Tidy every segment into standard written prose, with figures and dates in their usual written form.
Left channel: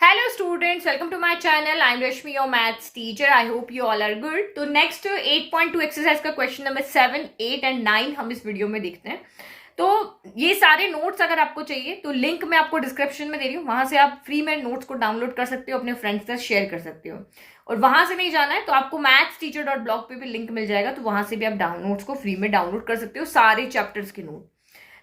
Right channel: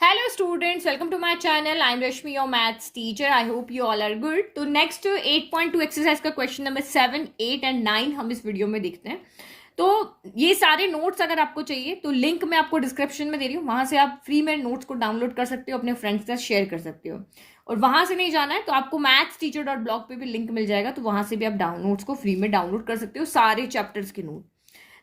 Hello students, welcome to my channel. I'm Rashmi, your maths teacher. I hope you all are good. तो next 8.2 exercise का question number 7, 8 and 9 हम इस video में देखते हैं. तो ये सारे नोट्स अगर आपको चाहिए तो लिंक मैं आपको डिस्क्रिप्शन में दे रही हूँ. वहां से आप फ्री में नोट्स को डाउनलोड कर सकते हो, अपने फ्रेंड्स के साथ शेयर कर सकते हो. और वहां से नहीं जाना है तो आपको mathsteacher.blog पे भी लिंक मिल जाएगा, तो वहां से भी आप नोट्स को फ्री में डाउनलोड कर सकते हो, सारे चैप्टर्स के नोट.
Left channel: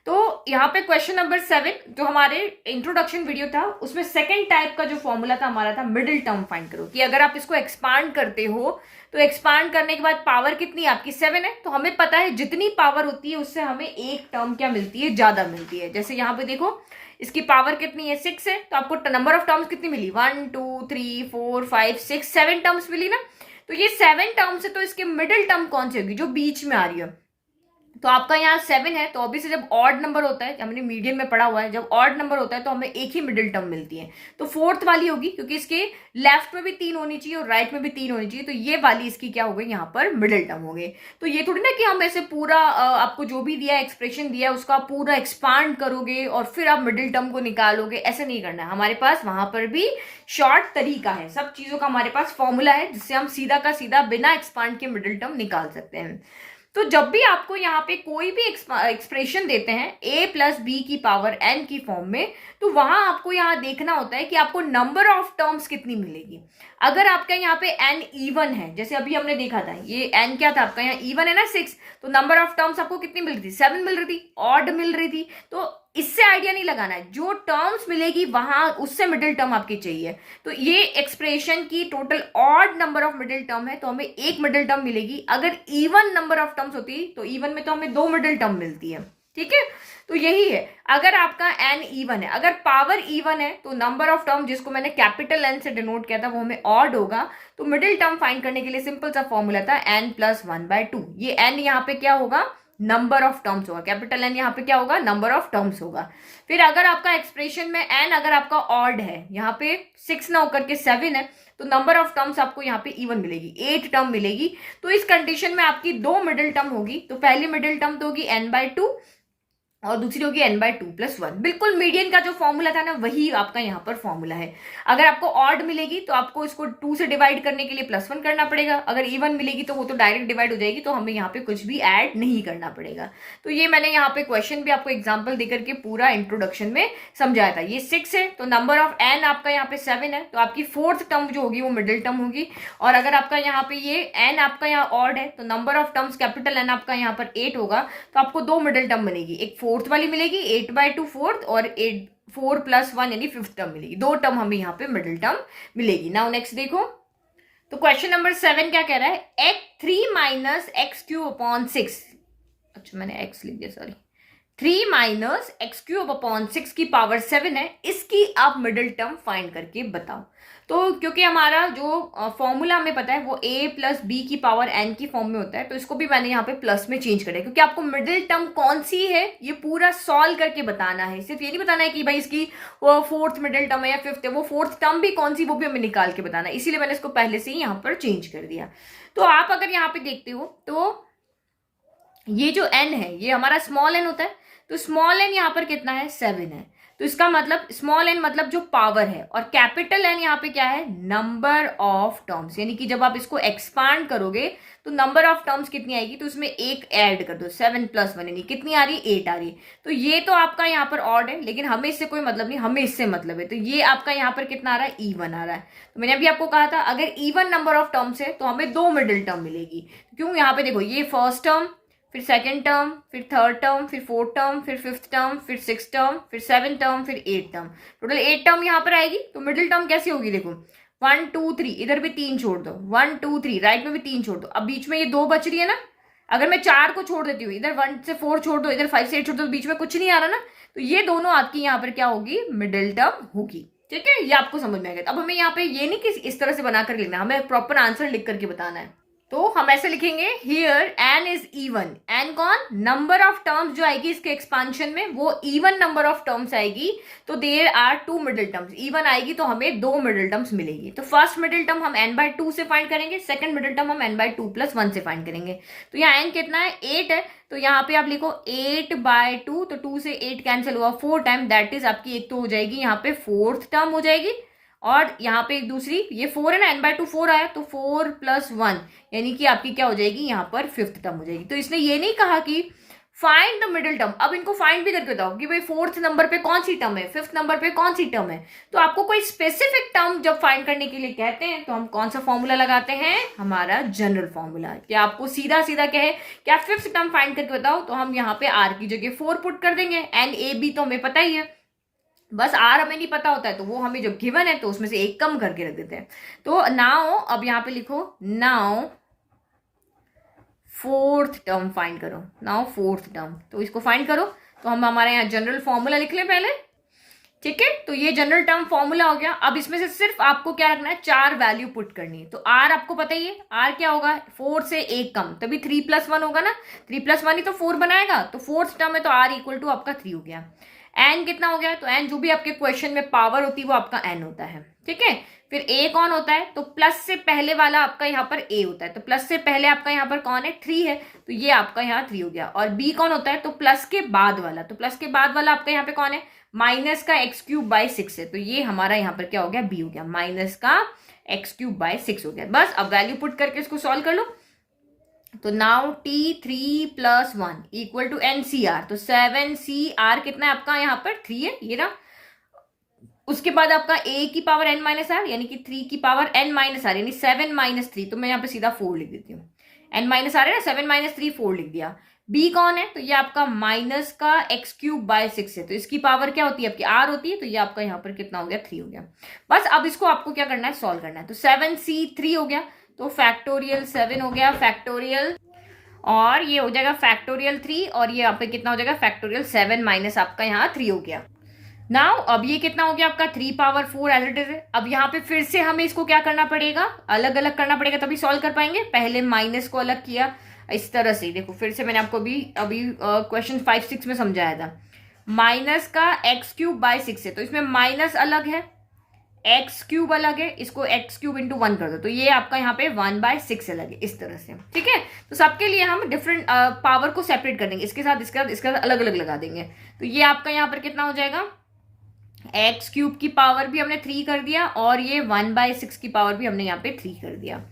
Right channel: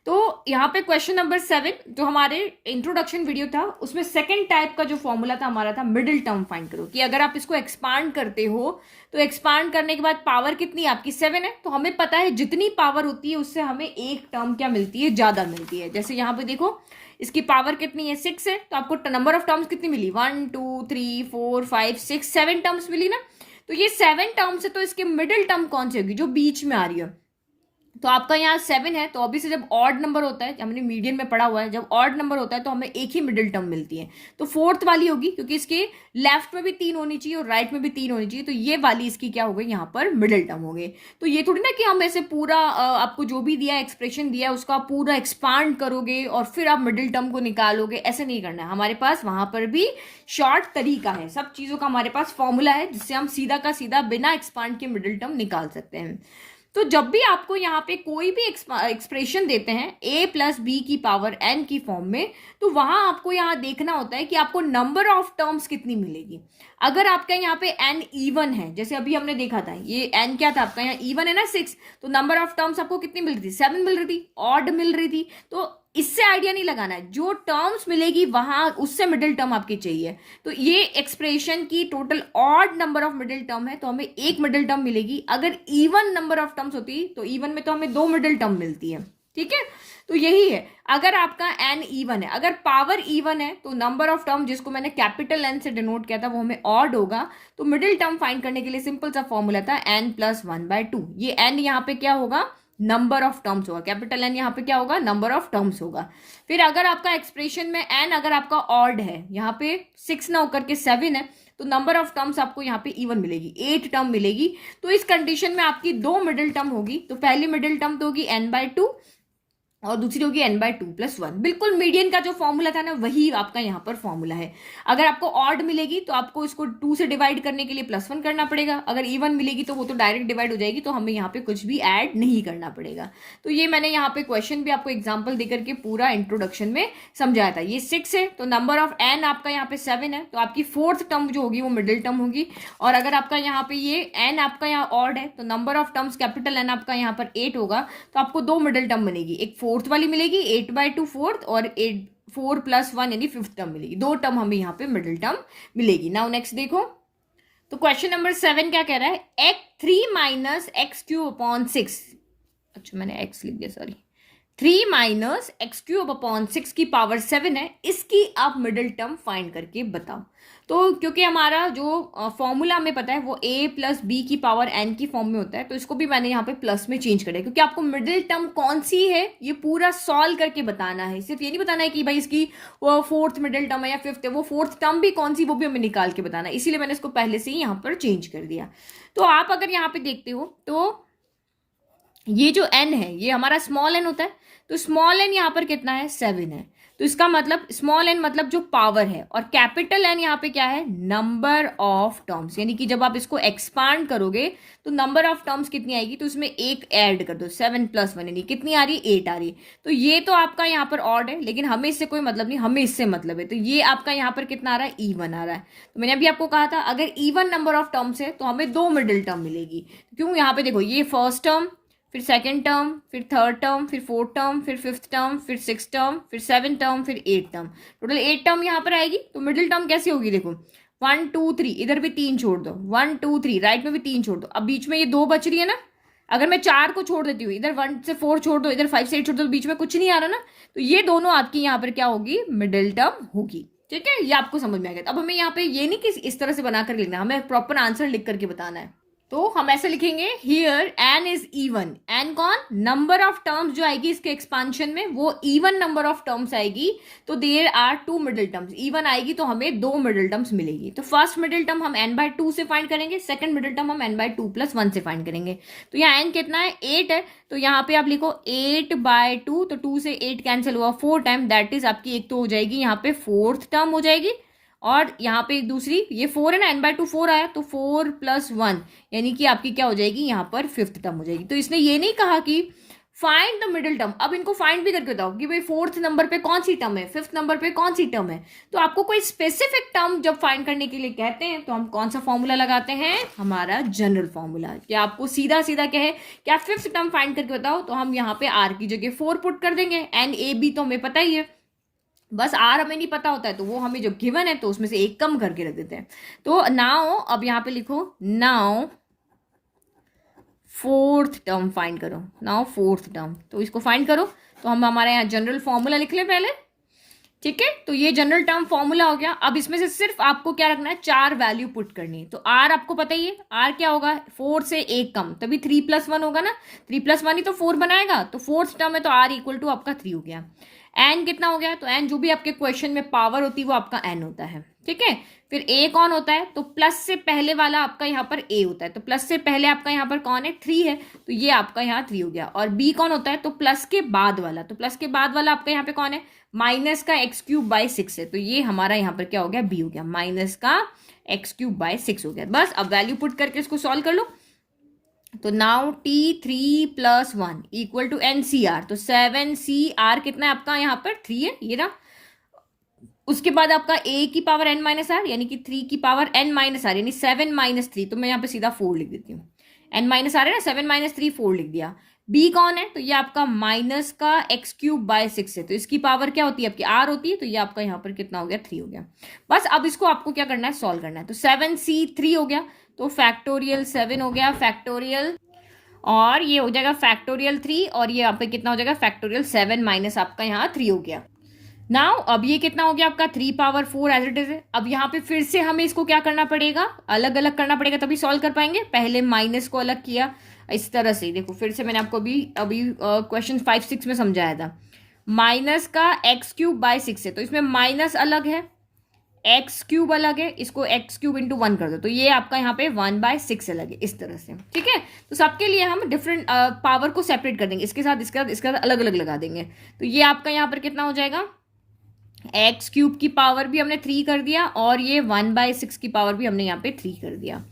तो यहाँ पे क्वेश्चन नंबर 7 जो हमारे इंट्रोडक्शन वीडियो था उसमें सेकंड टाइप का जो फॉर्मूला था हमारा था मिडिल टर्म फाइंड करो, कि अगर आप इसको एक्सपांड करते हो तो एक्सपांड करने के बाद पावर कितनी आपकी 7 है, तो हमें पता है जितनी पावर होती है उससे हमें एक टर्म क्या मिलती है, ज्यादा मिलती है. जैसे यहाँ पे देखो इसकी पावर कितनी है 6 है, तो आपको नंबर ऑफ टर्म्स कितनी मिली 1 2 3 4 5 6 7 टर्म्स मिली ना. तो ये 7 टर्म्स है, तो इसके मिडिल टर्म कौन सी होगी जो बीच में आ रही है. तो आपका यहाँ 7 है, तो ऑब्वियसली जब ऑड नंबर होता है, हमने मीडियन में पढ़ा हुआ है, जब ऑड नंबर होता है तो हमें एक ही मिडिल टर्म मिलती है. तो फोर्थ वाली होगी, क्योंकि इसके लेफ्ट में भी 3 होनी चाहिए और राइट में भी 3 होनी चाहिए, तो ये वाली इसकी क्या हो गई यहाँ पर मिडिल टर्म हो गई. तो ये थोड़ी ना कि हम ऐसे पूरा आपको जो भी दिया एक्सप्रेशन दिया उसका पूरा एक्सपांड करोगे और फिर आप मिडिल टर्म को निकालोगे, ऐसे नहीं करना है. हमारे पास वहां पर भी शॉर्ट तरीका है, सब चीजों का हमारे पास फॉर्मूला है जिससे हम सीधा का सीधा बिना एक्सपांड के मिडिल टर्म निकाल सकते हैं. तो जब भी आपको यहाँ पे कोई भी एक्सप्रेशन देते हैं a प्लस बी की पावर n की फॉर्म में, तो वहां आपको यहाँ देखना होता है कि आपको नंबर ऑफ टर्म्स कितनी मिलेगी. अगर आपका यहाँ पे n इवन है, जैसे अभी हमने देखा था ये n क्या था आपका यहाँ इवन है ना 6, तो नंबर ऑफ टर्म्स आपको कितनी मिल रही थी 7 मिल रही थी, ऑड मिल रही थी. तो इससे आइडिया नहीं लगाना है, जो टर्म्स मिलेगी वहां उससे मिडिल टर्म आपकी चाहिए. तो ये एक्सप्रेशन की total odd number of middle term है, तो हमें एक मिडिल टर्म मिलेगी. अगर इवन नंबर ऑफ टर्म्स होती तो इवन में तो हमें 2 मिडिल टर्म मिलती है. ठीक है, तो यही है. अगर आपका n इवन है, अगर पावर इवन है, तो नंबर ऑफ टर्म जिसको मैंने कैपिटल n से डिनोट किया था वो हमें ऑड होगा. तो मिडिल टर्म फाइंड करने के लिए सिंपल सा फॉर्मूला था n प्लस 1/2. ये n यहाँ पे क्या होगा, नंबर ऑफ टर्म्स होगा. कैपिटल एन यहाँ पे क्या होगा, नंबर ऑफ टर्म्स होगा. फिर अगर आपका एक्सप्रेशन में एन अगर आपका ऑड है, यहाँ पे 6 ना होकर के 7 है, तो नंबर ऑफ टर्म्स आपको यहाँ पे इवन मिलेगी, 8 टर्म मिलेगी. तो इस कंडीशन में आपकी 2 मिडिल टर्म होगी. तो पहली मिडिल टर्म तो होगी n/2 और दूसरी होगी n/2 + 1. बिल्कुल मीडियन का जो फॉर्मूला था ना वही आपका यहाँ पर फॉर्मूला है. अगर आपको ऑड मिलेगी तो आपको इसको 2 से डिवाइड करने के लिए +1 करना पड़ेगा. अगर इवन मिलेगी तो वो तो डायरेक्ट डिवाइड हो जाएगी, तो हमें यहाँ पे कुछ भी ऐड नहीं करना पड़ेगा. तो ये मैंने यहाँ पे क्वेश्चन भी आपको एग्जाम्पल देकर के पूरा इंट्रोडक्शन में समझाया था. ये 6 है, तो नंबर ऑफ n आपका यहाँ पे 7 है, तो आपकी फोर्थ टर्म जो होगी वो मिडिल टर्म होगी. और अगर आपका यहाँ पे ये n आपका यहाँ ऑड है, तो number of terms capital n आपका यहाँ पर 8 होगा, तो आपको 2 मिडिल टर्म मिलेगी. एक फोर्थ वाली मिलेगी 8/2 फोर्थ, और 4 + 1 यानी फिफ्थ टर्म मिलेगी. 2 टर्म हमें यहाँ पे मिडिल टर्म मिलेगी. नाउ नेक्स्ट देखो, तो क्वेश्चन नंबर 7 क्या कह रहा है, x3 - x³/6. अच्छा मैंने x लिख दिया, सॉरी. 3 - x³/6 की पावर 7 है, इसकी आप मिडिल टर्म फाइंड करके बताओ. तो क्योंकि हमारा जो फॉर्मूला हमें पता है वो a प्लस बी की पावर n की फॉर्म में होता है, तो इसको भी मैंने यहाँ पे प्लस में चेंज करा है, क्योंकि आपको मिडिल टर्म कौन सी है ये पूरा सॉल्व करके बताना है. सिर्फ ये नहीं बताना है कि भाई इसकी वो फोर्थ मिडिल टर्म है या फिफ्थ है, वो फोर्थ टर्म भी कौन सी वो भी हमें निकाल के बताना है. इसीलिए मैंने इसको पहले से ही यहाँ पर चेंज कर दिया. तो आप अगर यहाँ पे देखते हो तो ये जो n है ये हमारा स्मॉल n होता है, तो स्मॉल n यहाँ पर कितना है 7 है. तो इसका मतलब स्मॉल n मतलब जो पावर है, और कैपिटल n यहाँ पे क्या है, नंबर ऑफ टर्म्स. यानी कि जब आप इसको एक्सपांड करोगे तो नंबर ऑफ टर्म्स कितनी आएगी, तो इसमें एक ऐड कर दो, 7 + 1 यानी कितनी आ रही है 8 आ रही है. तो ये तो आपका यहाँ पर ऑड है, लेकिन हमें इससे कोई मतलब नहीं, हमें इससे मतलब है. तो ये आपका यहाँ पर कितना आ रहा है, इवन आ रहा है. तो मैंने अभी आपको कहा था अगर इवन नंबर ऑफ टर्म्स है तो हमें 2 मिडिल टर्म मिलेगी. क्यों, यहाँ पे देखो ये फर्स्ट टर्म, फिर सेकंड टर्म, फिर थर्ड टर्म, फिर फोर्थ टर्म, फिर फिफ्थ टर्म, फिर सिक्स टर्म, फिर 7 टर्म, फिर 8 टर्म. टोटल 8 टर्म यहाँ पर आएगी. तो मिडिल टर्म कैसी होगी, देखो 1 2 3, इधर भी 3 छोड़ दो, 1 2 3, राइट में भी 3 छोड़ दो. अब बीच में ये 2 बच रही है ना, अगर मैं 4 को छोड़ देती हूँ, इधर 1 से 4 छोड़ दो, इधर 5 से 8 छोड़ दो, तो बीच में कुछ नहीं आ रहा ना, तो ये दोनों आपकी यहाँ पर क्या होगी, मिडिल टर्म होगी. ठीक है, ये आपको समझ में आएगा. अब हमें यहाँ पे ये नहीं कि इस तरह से बनाकर लिखना, हमें प्रॉपर आंसर लिख करके बताना है. तो हम ऐसे लिखेंगे, here n is even. n कौन, नंबर ऑफ टर्म्स जो आएगी इसके एक्सपांशन में वो इवन नंबर ऑफ टर्म्स आएगी. तो there are 2 middle terms, even आएगी तो हमें 2 मिडिल टर्म्स मिलेगी. तो फर्स्ट मिडिल टर्म हम n/2 से फाइंड करेंगे, सेकंड मिडिल टर्म हम n/2 + 1 से फाइंड करेंगे. तो यहाँ n कितना है 8 है, तो यहाँ पे आप लिखो 8/2, तो 2 से 8 कैंसिल हुआ 4 टाइम, दैट इज आपकी एक तो हो जाएगी यहाँ पे फोर्थ टर्म हो जाएगी, और यहाँ पे एक दूसरी, ये 4 है ना, n/2 4 आया, तो 4 + 1 यानी कि आपकी क्या हो जाएगी, यहाँ पर फिफ्थ टर्म हो जाएगी। तो इसने ये नहीं कहा कि फाइंड द मिडिल टर्म, अब इनको फाइंड भी करके बताओ कि भाई फोर्थ नंबर पे कौन सी टर्म है, फिफ्थ नंबर पे कौन सी टर्म है। तो आपको कोई स्पेसिफिक टर्म जब फाइंड करने के लिए कहते हैं तो हम कौन सा फॉर्मूला लगाते हैं, हमारा जनरल फॉर्मूला। क्या आपको सीधा सीधा कहे क्या फिफ्थ टर्म फाइंड करके बताओ, तो हम यहाँ पे आर की जगह 4 पुट कर देंगे, एन ए बी तो हमें पता ही है, बस आर हमें नहीं पता होता है तो वो हमें जो गिवन है तो उसमें से एक कम करके रख देते हैं। तो नाउ अब यहाँ पे लिखो नाउ फोर्थ टर्म फाइंड करो, नाउ फोर्थ टर्म, तो इसको फाइंड करो। तो हम हमारे यहाँ जनरल फॉर्मूला लिख लें पहले, ठीक है। तो ये जनरल टर्म फॉर्मूला हो गया। अब इसमें से सिर्फ आपको क्या रखना है, 4 वैल्यू पुट करनी है। तो आर आपको पता ही है, आर क्या होगा, 4 से एक कम, तभी 3 + 1 होगा ना, 3 + 1 ही तो 4 बनाएगा। तो फोर्थ टर्म है तो आर = आपका 3 हो गया। एन कितना हो गया, तो एन जो भी आपके क्वेश्चन में पावर होती है वो आपका एन होता है, ठीक है। फिर ए कौन होता है, तो प्लस से पहले वाला आपका यहाँ पर ए होता है, तो प्लस से पहले आपका यहाँ पर कौन है, 3 है, तो ये आपका यहाँ 3 हो गया। और बी कौन होता है, तो प्लस के बाद वाला, तो प्लस के बाद वाला आपका यहाँ पे कौन है, माइनस का x³ / 6 है, तो ये हमारा यहाँ पर क्या हो गया, बी हो गया, माइनस का x³ / 6 हो गया। बस अब वैल्यू पुट करके इसको सॉल्व कर लो। तो नाउ T3 + 1 = NCR, तो 7CR कितना है आपका यहाँ पर 3 है, ये रहा। उसके बाद आपका a⁻n - r यानी कि 3 की पावर n - r यानी 7 - 3, तो मैं यहाँ पे सीधा 4 लिख देती हूँ, n - r है ना, 7 - 3 4 लिख दिया। b कौन है, तो ये आपका माइनस का x³ / 6 है, तो इसकी पावर क्या होती है आपकी r होती है, तो ये आपका यहाँ पर कितना हो गया, 3 हो गया। बस अब इसको आपको क्या करना है, सॉल्व करना है। तो 7c3 हो गया, तो फैक्टोरियल 7 हो गया, फैक्टोरियल, और ये हो जाएगा फैक्टोरियल 3, और ये यहाँ पे कितना हो जाएगा, फैक्टोरियल 7 माइनस आपका यहाँ 3 हो गया। नाउ अब ये कितना हो गया आपका 3⁴ एज इट इज है। अब यहाँ पे फिर से हमें इसको क्या करना पड़ेगा, अलग अलग करना पड़ेगा तभी सॉल्व कर पाएंगे। पहले माइनस को अलग किया इस तरह से, देखो फिर से मैंने आपको अभी क्वेश्चन 5 6 में समझाया था, माइनस का x³ / 6 है, तो इसमें माइनस अलग है, x³ अलग है, इसको x³ × 1 कर दो, तो ये आपका यहाँ पे 1/6 अलग है, इस तरह से, ठीक है। तो सबके लिए हम डिफरेंट पावर को सेपरेट कर देंगे, इसके साथ इसका अलग अलग लगा देंगे। तो ये आपका यहाँ पर कितना हो जाएगा, x³ की पावर भी हमने 3 कर दिया, और ये 1/6 की पावर भी हमने यहाँ पे 3 कर दिया।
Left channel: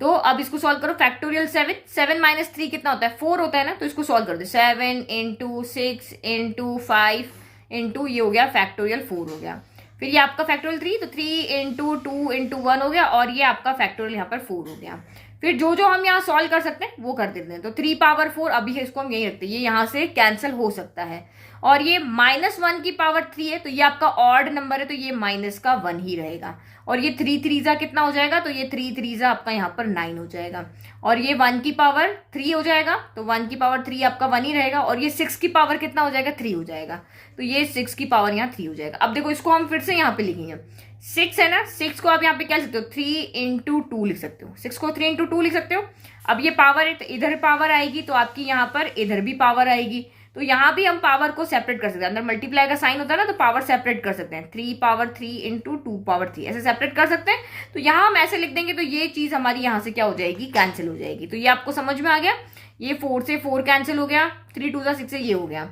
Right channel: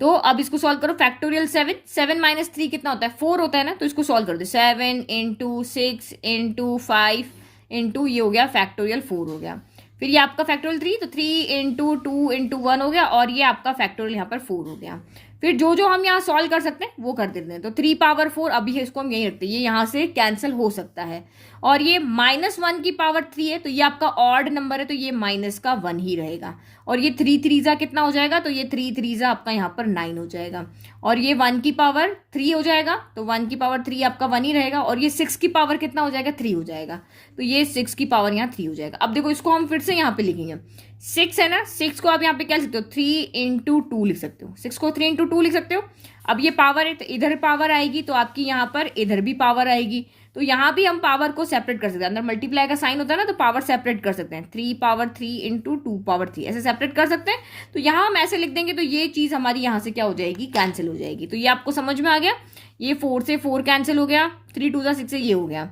तो अब इसको सॉल्व करो, फैक्टोरियल 7 - 3 कितना होता है, 4 होता है ना, तो इसको सॉल्व कर दो, 7 × 6 × 5 × ये हो गया फैक्टोरियल 4 हो गया। फिर ये आपका फैक्टोरियल 3, तो 3 × 2 × 1 हो गया, और ये आपका फैक्टोरियल यहाँ पर 4 हो गया। फिर जो जो हम यहाँ सॉल्व कर सकते हैं वो कर देते हैं। तो 3⁴ अभी इसको हम यही रखते हैं, ये यहाँ से कैंसिल हो सकता है। और ये -1 की पावर 3 है, तो ये आपका ऑड नंबर है, तो ये -1 ही रहेगा। और ये 3 3 कितना हो जाएगा, तो ये 3 3 आपका यहाँ पर 9 हो जाएगा। और ये 1 की पावर 3 हो जाएगा, तो 1 की पावर 3 आपका 1 ही रहेगा। और ये 6 की पावर कितना हो जाएगा, 3 हो जाएगा, तो ये 6 की पावर यहाँ 3 हो जाएगा। अब देखो इसको हम फिर से यहाँ पे लिखेंगे, 6 है ना, 6 को आप यहाँ पे क्या लिख सकते हो, 3 × 2 लिख सकते हो, 6 को 3 × 2 लिख सकते हो। अब ये पावर है, तो इधर पावर आएगी, तो आपकी यहाँ पर इधर भी पावर आएगी, तो यहाँ भी हम पावर को सेपरेट कर सकते हैं। अंदर मल्टीप्लाई का साइन होता है ना, तो पावर सेपरेट कर सकते हैं, 3⁴ × 2⁴ ऐसे सेपरेट कर सकते हैं। तो यहाँ हम ऐसे लिख देंगे, तो ये चीज हमारी यहाँ से क्या हो जाएगी, कैंसिल हो जाएगी। तो ये आपको समझ में आ गया, ये 4 से 4 कैंसिल हो गया, 3 2 6 से ये हो गया,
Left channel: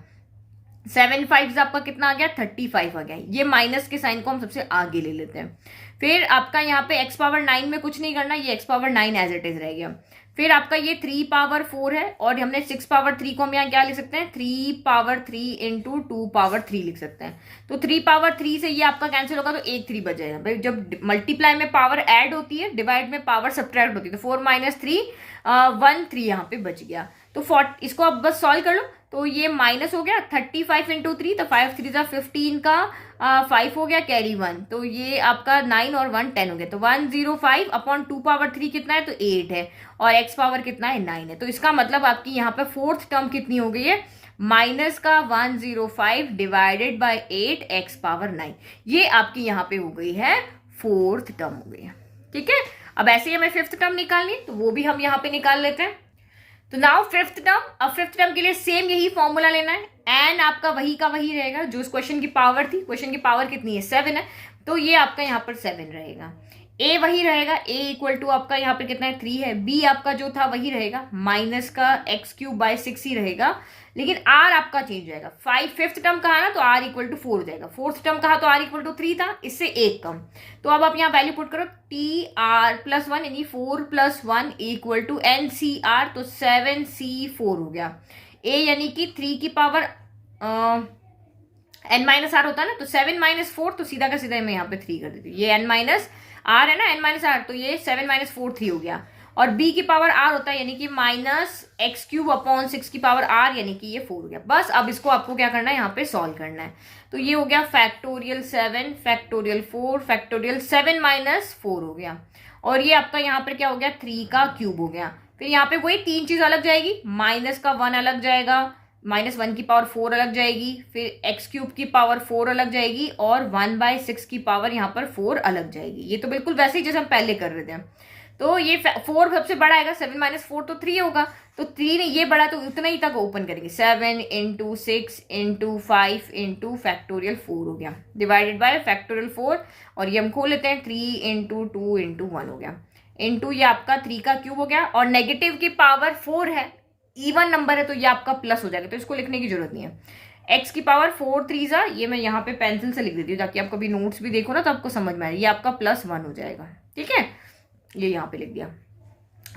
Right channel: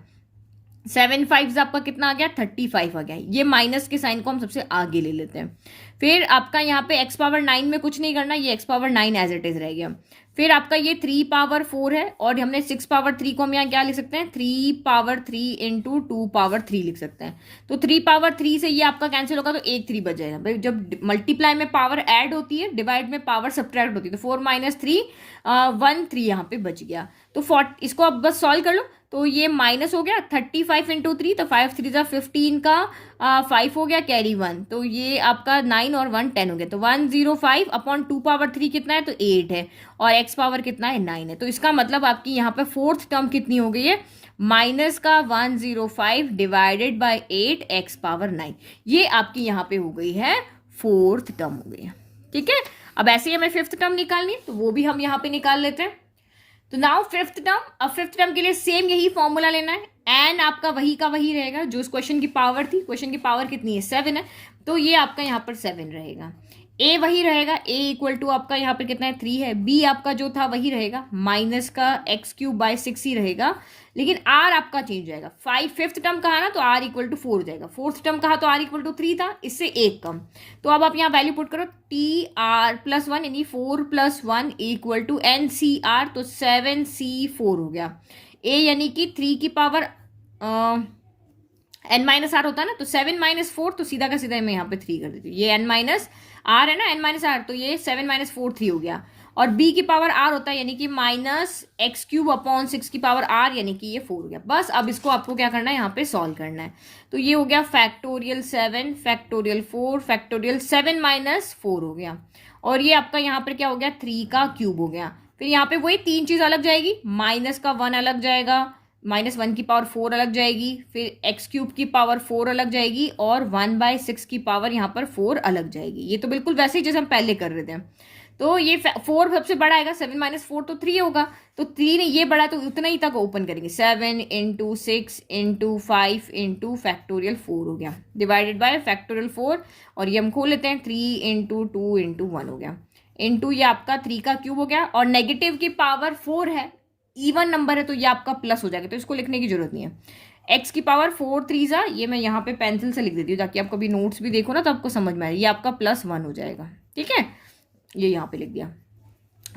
7 5 आपका कितना आ गया, 35 आ गया। ये माइनस के साइन को हम सबसे आगे ले लेते हैं। फिर आपका यहाँ पे x⁻9 में कुछ नहीं करना, ये x⁻9 एज इट इज रह गया। फिर आपका ये 3⁴ है, और हमने 6⁻3 को हम यहाँ क्या लिख सकते हैं, 3⁻3 × 2⁻3 लिख सकते हैं। तो 3⁻3 से ये आपका कैंसिल होगा, तो एक 3 बच जाएगा। भाई जब मल्टीप्लाई में पावर ऐड होती है, डिवाइड में पावर सब्ट्रैक्ट होती है, तो 4 - 3 1 3 यहाँ पे बच गया। तो इसको आप बस सॉल्व कर लो, तो ये माइनस हो गया 35 × 3, तो 5 3 15 का 5 हो गया, कैरी 1, तो ये आपका 9 और 1 10 हो गया। तो 105/2⁻3 कितना है, तो 8 है, और x पावर कितना है, 9 है। तो इसका मतलब आपकी यहाँ पे फोर्थ टर्म कितनी हो गई है, -105 / 8 x⁻9, ये आपकी यहाँ पे हो गई है फोर्थ टर्म हो गई है, ठीक है। अब ऐसे ही हमें फिफ्थ टर्म निकालनी, तो वो भी हम यहाँ पे निकाल लेते हैं। तो नाउ फिफ्थ टर्म, अब फिफ्थ टर्म के लिए सेम यही फॉर्मूला लेना है, एन आपका वही का वही रहेगा जो इस क्वेश्चन की पावर थी। क्वेश्चन की पावर कितनी है, 7 है, तो ये आपका यहाँ पर 7 रहेगा। ए वही रहेगा, ए इक्वल टू आपका यहाँ पे कितना है 3 है, बी आपका जो था वही रहेगा, माइनस का एक्स क्यूब बाय 6 ही रहेगा, लेकिन आर आपका चेंज जाएगा। फिफ्थ टर्म कहा ना तो आर इक्वल टू 4 हो जाएगा, फोर्थ टर्म कहा तो आर इक्वल टू 3 था, इससे एक कम। तो अब आप यहाँ वैल्यू पुट करो, टी आर प्लस 1 यानी 4 plus 1 equal to N C R, तो 7c4 हो गया। ए यानी कि 3 की पावर एन माइनस आर होता है ना, तो 7 माइनस 4, तो सीधा का सीधा मैं यहाँ पे 3 कर देती हूँ, ये एन माइनस आर है ना, एन माइनस आर, तो ये 7 माइनस 4 3 हो गया। और b की पावर r होता है यानी कि माइनस एक्स क्यूब अपॉन 6 की पावर r, यानी कि ये 4 हो गया। बस अब इसको आपको क्या करना है, यहाँ पे सॉल्व करना है। तो ये हो गया फैक्टोरियल 7 फैक्टोरियल 4 फैक्टोरियल 7 माइनस 4 हो गया, और ये आपका यहाँ पर क्या हो गया 3 का क्यूब हो गया। फिर यहाँ पे वही तीन चीज अलग जाएगी, माइनस का 1 अलग जाएगा, -1 की पावर 4 अलग जाएगी, फिर एक्स क्यूब की पावर 4 अलग जाएगी, और 1/6 की पावर यहाँ पर 4 अलग जाएगी। ये तो बिल्कुल वैसे ही जैसे हम पहले कर रहे थे। तो ये 4 सबसे बड़ा आएगा, 7 माइनस 4 तो 3 होगा, तो 3 ने ये बड़ा, तो उतना ही तक ओपन करेंगे, 7 इंटू 6 इंटू 5 इंटू फैक्टोरियल 4 हो गया, डिवाइडेड बाय फैक्टोरियल 4, और ये हम खोल लेते हैं 3 इंटू 2 इंटू 1 हो गया, इंटू ये आपका 3 का क्यूब हो गया, और नेगेटिव की पावर 4 है, इवन नंबर है, तो ये आपका प्लस हो जाएगा, तो इसको लिखने की जरूरत नहीं है। एक्स की पावर 4 3 ये मैं यहाँ पे पेंसिल से लिख देती हूँ, ताकि आप कभी नोट्स भी देखो ना तो आपको समझ में आए, ये आपका +1 हो जाएगा, ठीक है, ये यहाँ पे लिख दिया।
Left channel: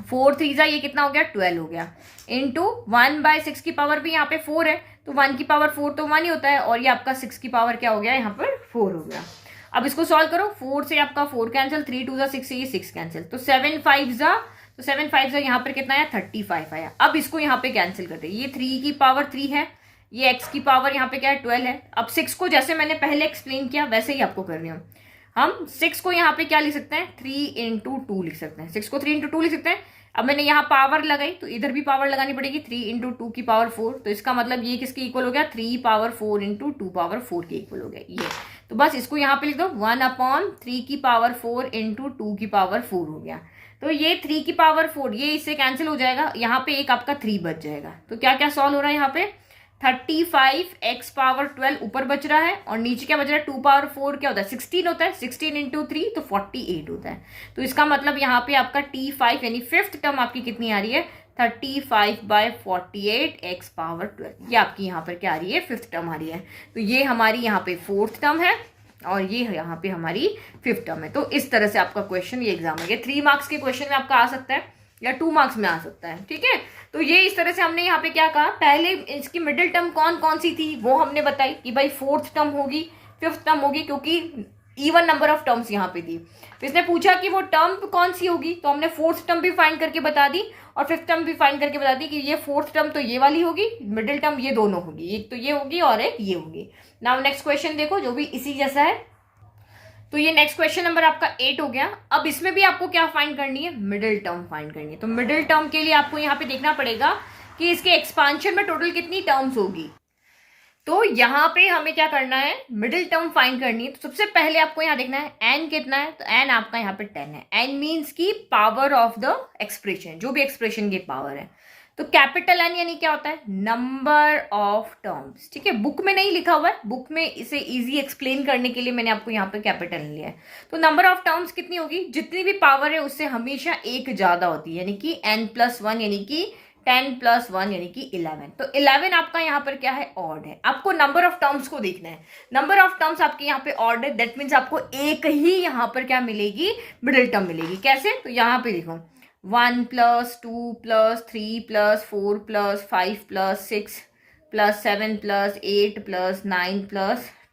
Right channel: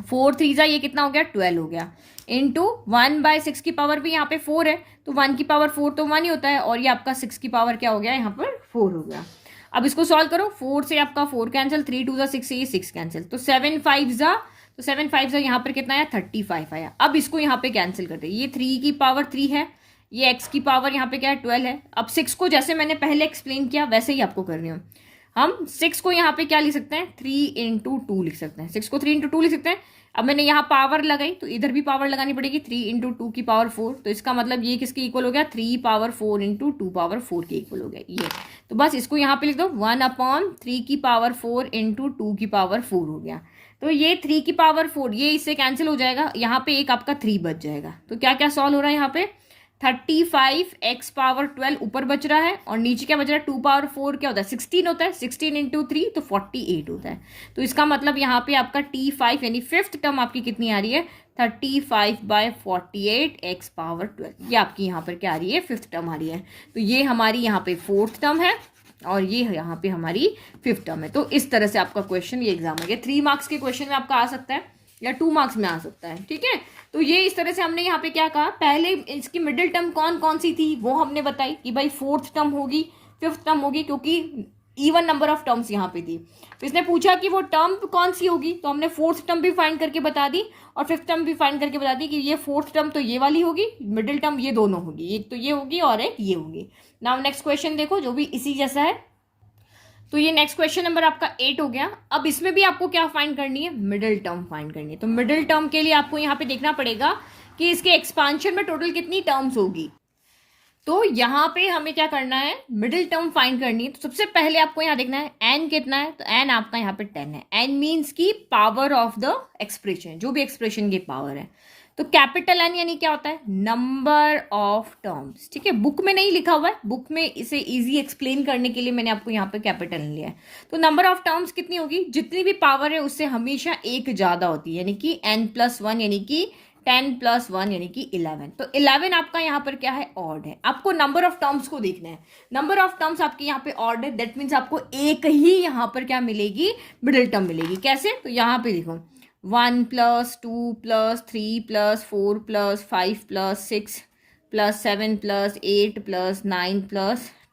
4 3 ये कितना हो गया 12 हो गया, इंटू 1/6 की पावर भी यहाँ पे 4 है, तो 1 की पावर 4 तो 1 ही होता है, और ये आपका 6 की पावर क्या हो गया यहाँ पर 4 हो गया। अब इसको सॉल्व करो, 4 से आपका 4 कैंसिल, 3 2 6 से ये 6 कैंसिल, तो 7 5 तो 7 5 यहाँ पर कितना आया 35 आया। अब इसको यहाँ पे कैंसिल करते हैं, ये 3 की पावर 3 है, ये x की पावर यहाँ पे क्या है 12 है। अब 6 को जैसे मैंने पहले एक्सप्लेन किया वैसे ही आपको कर रही हूँ। हम 6 को यहाँ पे क्या लिख सकते हैं 3 इंटू 2 लिख सकते हैं, 6 को 3 इंटू 2 लिख सकते हैं। अब मैंने यहाँ पावर लगाई तो इधर भी पावर लगानी पड़ेगी, 3 इंटू 2 की पावर 4, तो इसका मतलब ये किसके इक्वल हो गया 3 पावर 4 इंटू 2 पावर 4 के इक्वल हो गया ये। तो बस इसको यहाँ पे लिख दो 1/3 की पावर 4 इंटू 2 की पावर 4 हो गया। तो ये 3 की पावर 4 ये इससे कैंसिल हो जाएगा, यहाँ पे एक आपका 3 बच जाएगा। तो क्या क्या सॉल्व हो रहा है यहाँ पे 35 x पावर 12 ऊपर बच रहा है, और नीचे क्या बच रहा है 2 पावर 4 क्या होता है 16 होता है, 16 इंटू 3 तो 48 होता है। तो इसका मतलब यहाँ पे आपका T5 यानी फिफ्थ टर्म आपकी कितनी आ रही है 35/48 x पावर 12, ये आपकी यहाँ पर क्या आ रही है फिफ्थ टर्म आ रही है। तो ये हमारी यहाँ पे फोर्थ टर्म है, और ये यहाँ पे हमारी फिफ्थ टर्म है। तो इस तरह से आपका क्वेश्चन ये एग्जाम में 3 मार्क्स के क्वेश्चन में आपका आ सकता है, या 2 मार्क्स में आ सकता है, ठीक है। तो ये इस तरह से हमने यहाँ पे क्या कहा, पहले इसकी मिडिल टर्म कौन कौन सी थी वो हमने बताई कि भाई फोर्थ टर्म होगी, फिफ्थ टर्म होगी, क्योंकि इवन नंबर ऑफ टर्म्स यहाँ पे थी। तो इसने पूछा कि वो टर्म कौन सी होगी, तो हमने फोर्थ टर्म भी फाइंड करके बता दी और फिफ्थ टर्म भी फाइंड करके बता दी कि ये फोर्थ टर्म तो ये वाली होगी, मिडिल टर्म ये दोनों होगी, एक तो ये होगी और एक ये होगी। नाउ नेक्स्ट क्वेश्चन देखो जो भी इसी जैसा है। तो ये नेक्स्ट क्वेश्चन नंबर आपका 8 हो गया। अब इसमें भी आपको क्या फाइंड करनी है मिडिल टर्म फाइंड करनी है। तो मिडिल टर्म के लिए आपको यहाँ पे देखना पड़ेगा कि इसके एक्सपांशन में टोटल कितनी टर्म्स होगी। तो यहाँ पे हमें क्या करना है मिडिल टर्म फाइंड करनी है। तो सबसे पहले आपको यहाँ देखना है एन कितना है, तो एन आपका यहाँ पे 10 है। एन मीन्स की पावर ऑफ द एक्सप्रेशन, जो भी एक्सप्रेशन की पावर है। तो कैपिटल एन यानी क्या होता है नंबर ऑफ टर्म्स, ठीक है। बुक में नहीं लिखा हुआ है, बुक में इसे इजी एक्सप्लेन करने के लिए मैंने आपको यहाँ पे कैपिटल लिया है। तो नंबर ऑफ टर्म्स कितनी होगी, जितनी भी पावर है उससे हमेशा एक ज्यादा होती है, यानी कि n+1 यानी कि 10+1 यानी कि 11। तो 11 आपका यहाँ पर क्या है ऑड है। आपको नंबर ऑफ टर्म्स को देखना है, नंबर ऑफ टर्म्स आपके यहाँ पे ऑड है, दैट मीन्स आपको एक ही यहाँ पर क्या मिलेगी मिडिल टर्म मिलेगी। कैसे, तो यहाँ पे देखो 1 + 2 + 3 + 4 + 5 + 6 + 7 + 8 + 9 +